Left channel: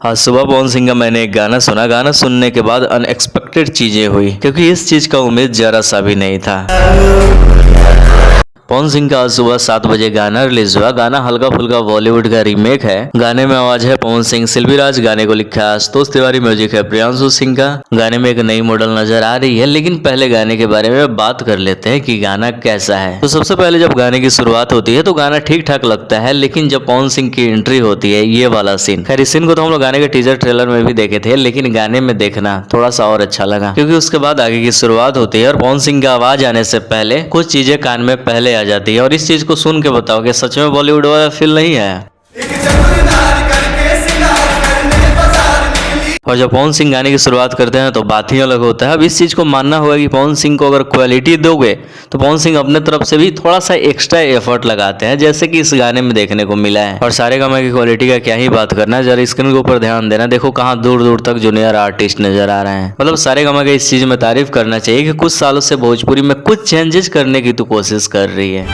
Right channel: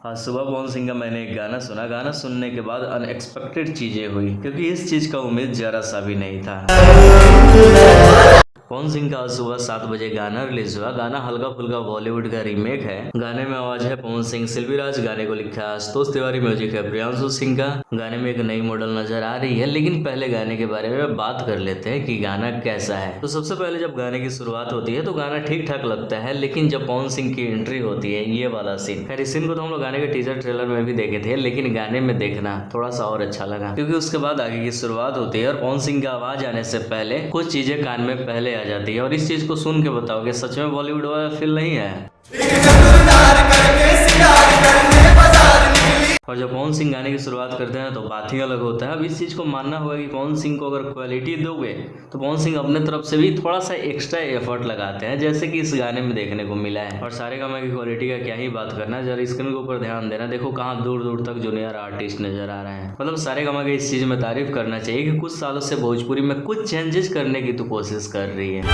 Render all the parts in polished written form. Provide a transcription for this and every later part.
आज सुबह पवन सिंह का मैंने एक गाना सुना। गाना सुनने के बाद अनएक्सपेक्टेड चीजें हुई, क्योंकि इस चीज का उम्मीद जरा सा भी नहीं था। पवन सिंह का आज सुबह 7 बजे गाना रिलीज हुआ। गाना हल्का फुल्का बॉलीवुड का रीमेक है। गाने में आवाज है पवन सिंह, शिल्पी राज। गाने को लिखा है आशुतोष तिवारी, म्यूजिक है प्रियांशु सिंह का। गाने में एक नई मॉडल नजर आ रही है, लेकिन पहले गाने के बारे में बात कर लेते हैं कि गाना कैसा है। तो सबसे पहले जब गाने की शुरुआत होती है तो गाना ठीक ठाक लगता है, लेकिन जब पवन सिंह की एंट्री होती है, ये वाला सीन, खैर इस सीन को तो हम लोग गाने के टीजर ट्रेलर में भी देखे थे, लेकिन गाने में देखना थोड़ा सा और अच्छा लगा, क्योंकि उसके बाद आगे की शुरुआत होती है और पवन सिंह का आवाज आने से पहले कुछ चीजें कान में पहले आ जाती है। और इस चीज को सुन के बताओ कि सच में बॉलीवुड वाला फील नहीं है। और जब पवन सिंह गाने की शुरुआत करते हैं तो बात ही अलग होता है। अब इस चीज को मानना होगा कि पवन सिंह को अगर क्वालिटी दोगे तो पवन सिंह अपने तरफ से भी थोड़ा सा एक्स्ट्रा एफर्ट लगाते हैं, जैसे कि इस गाने में देखने को मिला है। और सारे गाने की क्वालिटी का क्या ही बात करना है, जरा स्क्रीन के ऊपर ध्यान देना, देखो कहाँ दूर दूर तक जूनियर आर्टिस्ट नजर आ रहे हैं। मतलब सारे गाने का इस चीज में तारीफ करना चाहिए कि कुछ सालों से भोजपुरी में कुछ चेंजेस करने की तो कोशिश कर रही है।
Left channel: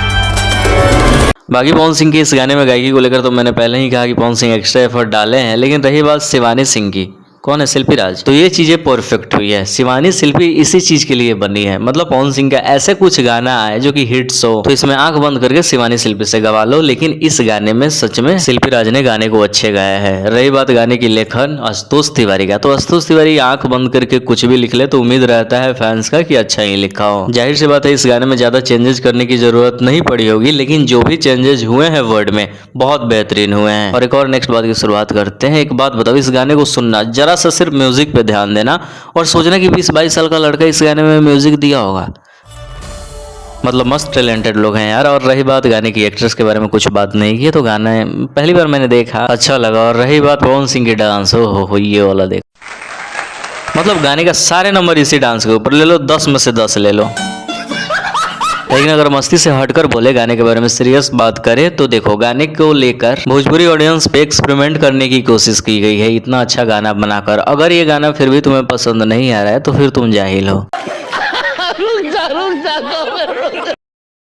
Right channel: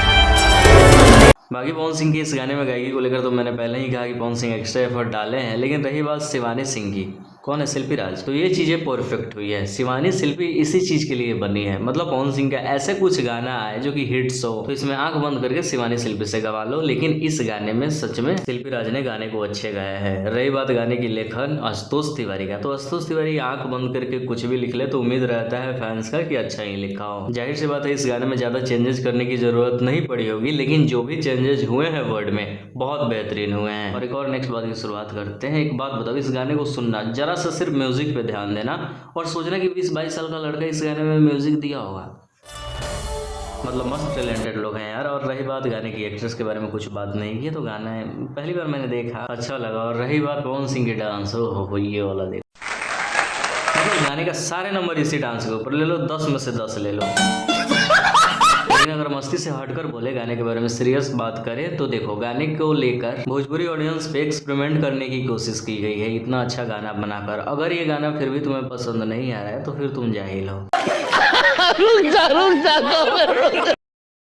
बाकी पवन सिंह के इस गाने में गायकी को लेकर तो मैंने पहले ही कहा कि पवन सिंह एक्स्ट्रा एफर्ट डाले हैं, लेकिन रही बात शिवानी सिंह की, कौन है, शिल्पी राज, तो ये चीजें परफेक्ट हुई है। शिवानी शिल्पी इसी चीज के लिए बनी है। मतलब पवन सिंह का ऐसे कुछ गाना आए जो कि हिट्स हो, तो इसमें आंख बंद करके शिवानी शिल्पी से गवा लो। लेकिन इस गाने में सच में शिल्पी राज ने गाने को अच्छे गाया है। रही बात गाने की लेखन आशुतोष तिवारी का, तो आशुतोष तिवारी आंख बंद करके कुछ भी लिख ले तो उम्मीद रहता है फैंस का कि अच्छा ही लिखा हो। जाहिर सी बात है इस गाने में ज्यादा चेंजेस करने की जरूरत नहीं पड़ी होगी, लेकिन जो भी चेंजेस हुए हैं वर्ड में बहुत बेहतरीन हुए हैं। और एक और नेक्स्ट बात की शुरुआत करते हैं। एक बात बताओ, इस गाने को सुनना, जरा सा सिर्फ म्यूजिक पे ध्यान देना और सोचना कि 20-22 साल का लड़का इस गाने में म्यूजिक दिया होगा। मतलब मस्त टैलेंटेड लोग हैं यार। और रही बात गाने की एक्ट्रेस के बारे में कुछ बात नहीं की, तो गाना पहली बार मैंने देखा, अच्छा लगा। और रही बात पवन सिंह के डांस, हो ये वाला देख, मतलब गाने का सारे नंबर इसी डांस के ऊपर ले लो, 10 में से 10 ले लो। लेकिन अगर मस्ती से हटकर बोले, गाने के बारे में सीरियस बात करें, तो देखो गाने को लेकर भोजपुरी ऑडियंस पे एक्सपेरिमेंट करने की कोशिश की गई है इतना अच्छा गाना बनाकर। अगर ये गाना फिर भी तुम्हें पसंद नहीं आ रहा है तो फिर तुम जाहिल हो।